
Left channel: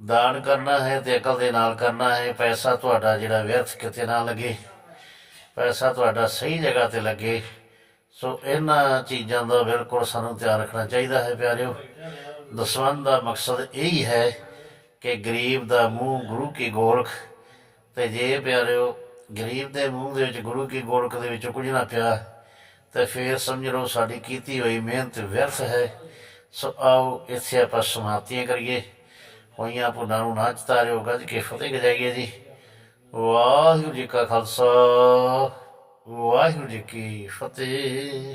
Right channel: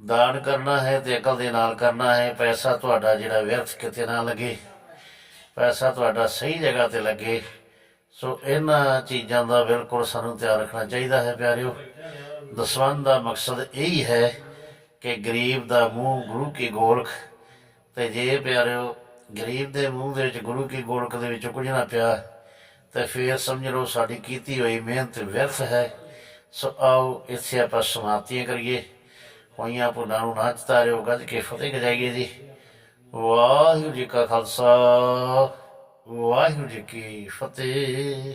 ਦਾਨ ਕਰਨਾ ਹੈ ਤੇ ਅਕਲ ਦੇ ਨਾਲ ਕਰਨਾ ਹੈ। ਪੈਸਾ ਤੁਹਾਡਾ ਜਿਹੜਾ ਵਿਅਰਥ ਕਿਤੇ ਨਾ ਲੱਗੇ, ਪੈਸਾ ਤੁਹਾਡਾ ਸਹੀ ਜਗ੍ਹਾ ਤੇ ਲੱਗੇ। ਸੋ ਇਹਨਾਂ ਚੀਜ਼ਾਂ ਦਾ ਬਿਲਕੁਲ ਸਾਨੂੰ ਧਿਆਨ ਰੱਖਣਾ ਚਾਹੀਦਾ ਹੈ ਪਿਆਰਿਓ। ਦਸਵੰਧ ਦਾ ਮਕਸਦ ਇਹ ਹੀ ਹੈ ਕਿ ਗਰੀਬ ਦਾ ਮੂੰਹ ਗੁਰੂ ਕੀ ਗੋਲਕ। ਤੇ ਜੇ ਪਿਆਰਿਓ, ਗਰੀਬ ਦੇ ਮੂੰਹ ਦੇ ਵਿੱਚ ਗੁਰੂ ਕੀ ਗੋਲਕ ਦੇ ਵਿੱਚ ਕੁਝ ਨਾ ਪਿਆ ਤੇ ਫਿਰ ਸਮਝ ਲਓ ਸਾਡੀ ਕੀਤੀ ਹੋਈ ਮਿਹਨਤ ਵਿਅਰਥ ਹੈ। ਸੋ ਆਓ ਇੱਥੇ ਆਪਾਂ ਸਮਾਪਤੀਆਂ ਕਰੀਏ। ਹੋਈਆਂ ਭੁੱਲਾਂ ਨੂੰ ਨਾ ਚਤਾਰਿਓ, ਗੱਜ ਕੇ ਫਤਿਹ ਗਜਾਈਏ ਜੀ। ਵਾਹਿਗੁਰੂ ਜੀ ਕਾ ਖਾਲਸਾ, ਵਾਹਿਗੁਰੂ ਜੀ ਕੀ ਫਤਿਹ।